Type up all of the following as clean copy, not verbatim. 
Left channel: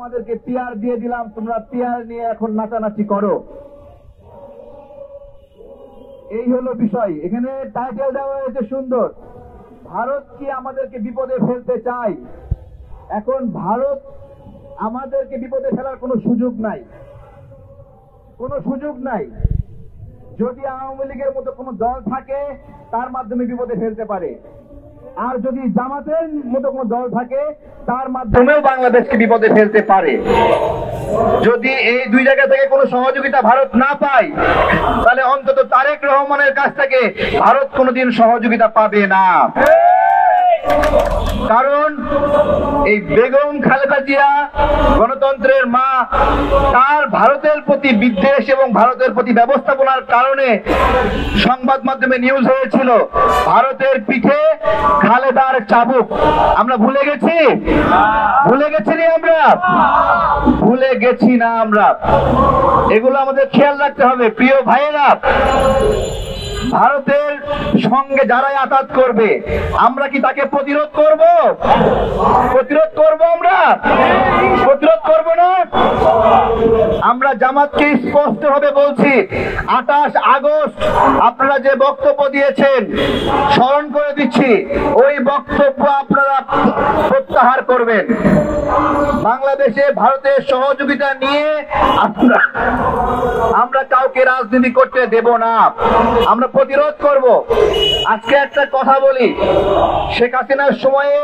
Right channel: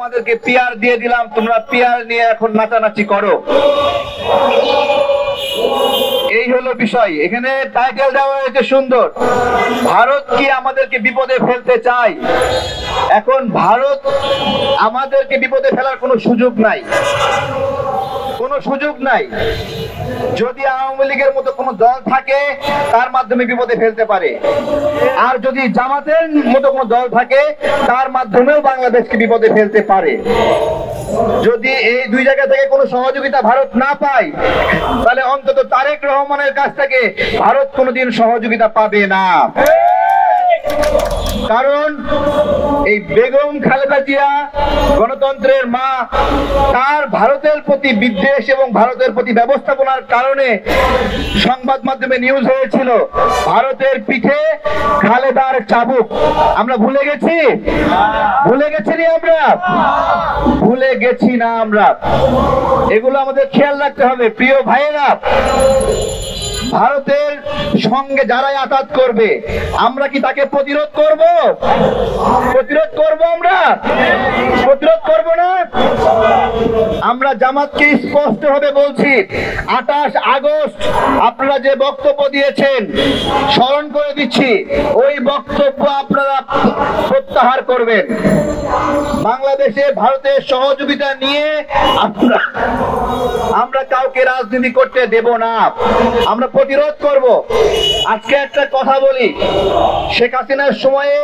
তোমাদেরকে পিয়ার দিয়ে দিলাম, তোমরা পিয়ার নিয়ে এখন নাচানাচি করো। এই হলো বিষয়। এখানে টাইটেল দেওয়া হয়েছে সুন্দর, ভারত কি আমাদেরকে বিপদে ফেলতে চায়। এখন ভারত আমাদেরকে বিপদে ফেলার কোনো সুযোগ নাই, কোনো সুযোগ নাই। যদি আওয়ামী লীগের মতো কোনো দল থাকে তার মাধ্যমে বিপদে ফেলতে পারে, আর যদি জামাতের মতো কোনো দল থাকে তার মাধ্যমেও বাংলাদেশকে বিপদে ফেলতে পারে। যদি এই দুই জায়গা থেকে কোনো সহযোগিতা ভারত না পায়, তাহলে অন্তত তারেক রহমানের কাছ থেকে ভারত কোনোদিন সহযোগিতা পাবে না। কারণ এই বেগম খালেদা জিয়া গণতন্ত্রের মা, তার ভারতের প্রতি বিদ্বেষ এবং ভারতের প্রতি ব্যবস্থাপনার কারণে সংবাদ মাধ্যমে নিউজ হয়েছিল ভারতের পিঠে খালেদার চাবুক। আমরা ভুলে গেছি? ভুলে গেছি রে? আমরা ভুলে গেছি না? আমরা এগুলো আমাদের খেয়াল রাখতে হবে। প্রিয় ভাইয়েরা, ভারতের সঙ্গে যারাই আঘাত করবে আমরা কি তাকে প্রতিরোধ করব? প্রতিরোধ করব? আমরা প্রতিরোধ করব না? আমরা জামাতকে স্পষ্ট ভাবে বলছি, 28 আগস্ট আপনারা যে বক্তব্য দিয়েছেন স্মরণ করে দিচ্ছি, ওই বক্তব্য আপনারা প্রত্যাহার করবেন। বাংলাদেশে ভারতের সহযোগিতা নিয়ে আমরা কাউকে রাজনীতি করতে দেব না, আমরা প্রতিরোধ করব। আজকে একটা কথা বলি, শেখ হাসিনার সময়ে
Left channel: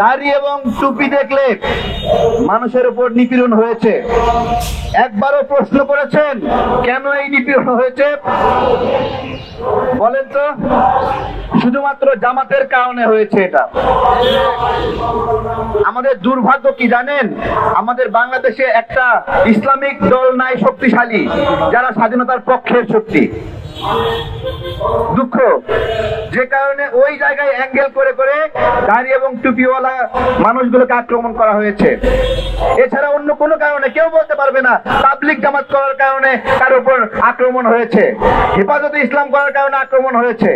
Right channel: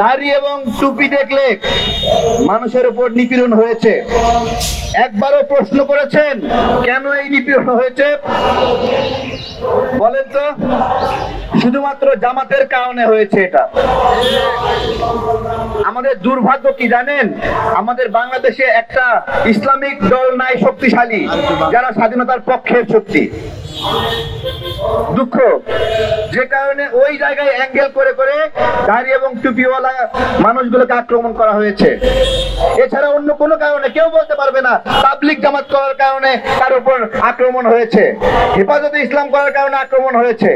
দাড়ি এবং টুপি দেখলে মানুষের উপর নিপীড়ন হয়েছে। একবারও প্রশ্ন করেছেন কেন এই নিপীড়ন হয়েছে? বলেন তো? শুধুমাত্র জামাতের কারণে হয়েছে এটা। আমাদের দুর্ভাগ্য কি জানেন? আমাদের বাংলাদেশে একটা ইসলামিক দল নাই শক্তিশালী, যারা স্বাধীনতার পক্ষের শক্তি। দুঃখ, যে কারণে ওই জায়গায় অ্যাঙ্গেল করে করে দাড়ি এবং টুপিওয়ালা মানুষগুলোকে আক্রমণ করা হয়েছে। এছাড়া অন্য কোনো কারণে কেউ বলতে পারবে না তাবলিগ জামাত করার কারণে তার উপর আক্রমণ হয়েছে, হেফাজতে ইসলাম করার কারণে আক্রমণ হয়েছে।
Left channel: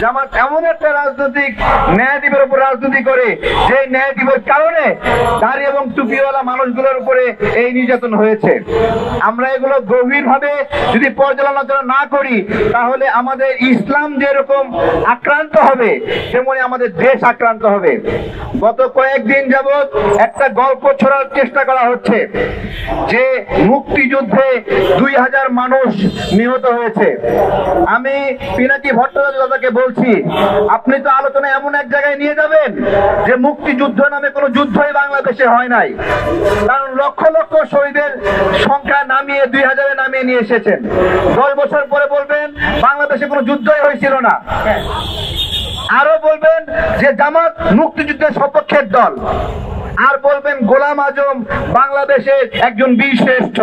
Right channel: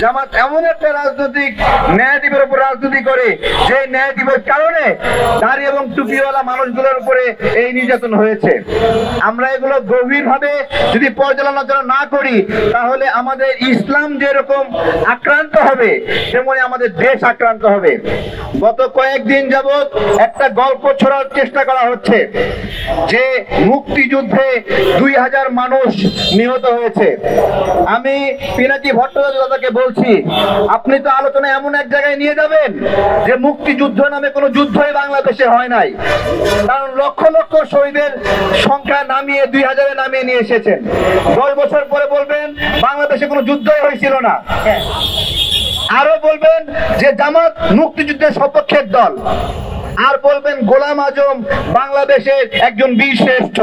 জামাত এমন একটা রাজনৈতিক ন্যায়দিবের উপর রাজনীতি করে যে ন্যায়দিবের কারণে দাড়ি এবং টুপিওয়ালা মানুষগুলোর উপরে এই নির্যাতন হয়েছে। আমরা এগুলো গভীরভাবে যদি পর্যালোচনা না করি, তাহলে আমাদের ইসলাম যেরকম আক্রান্ত হবে তেমনি আমাদের দেশ আক্রান্ত হবে। গত কয়েকদিন যাবৎ একটা গল্প ছড়ার চেষ্টা করা হচ্ছে যে মুক্তিযুদ্ধে 2000 মানুষ নিহত হয়েছে। আমি পিনাকি ভট্টাচার্যকে বলছি, আপনি তো আলোচনা এমন এক জায়গায় নিয়ে যাবেন যে মুক্তিযুদ্ধ নামে কোনো যুদ্ধই বাংলাদেশে হয় নাই। কারণ লক্ষ লক্ষ শহীদের সংখ্যা নামিয়ে 2000-এ নামিয়ে নিয়ে এসেছেন। 10 বছর পরে বলবেন বাংলাদেশে কোনো যুদ্ধই হয়েছিল না। আরো বলবেন যে জামাত মুক্তিযুদ্ধের সপক্ষের দল, আর বলবেন গোলাম আজম বাংলাদেশের একজন বীর শ্রেষ্ঠ।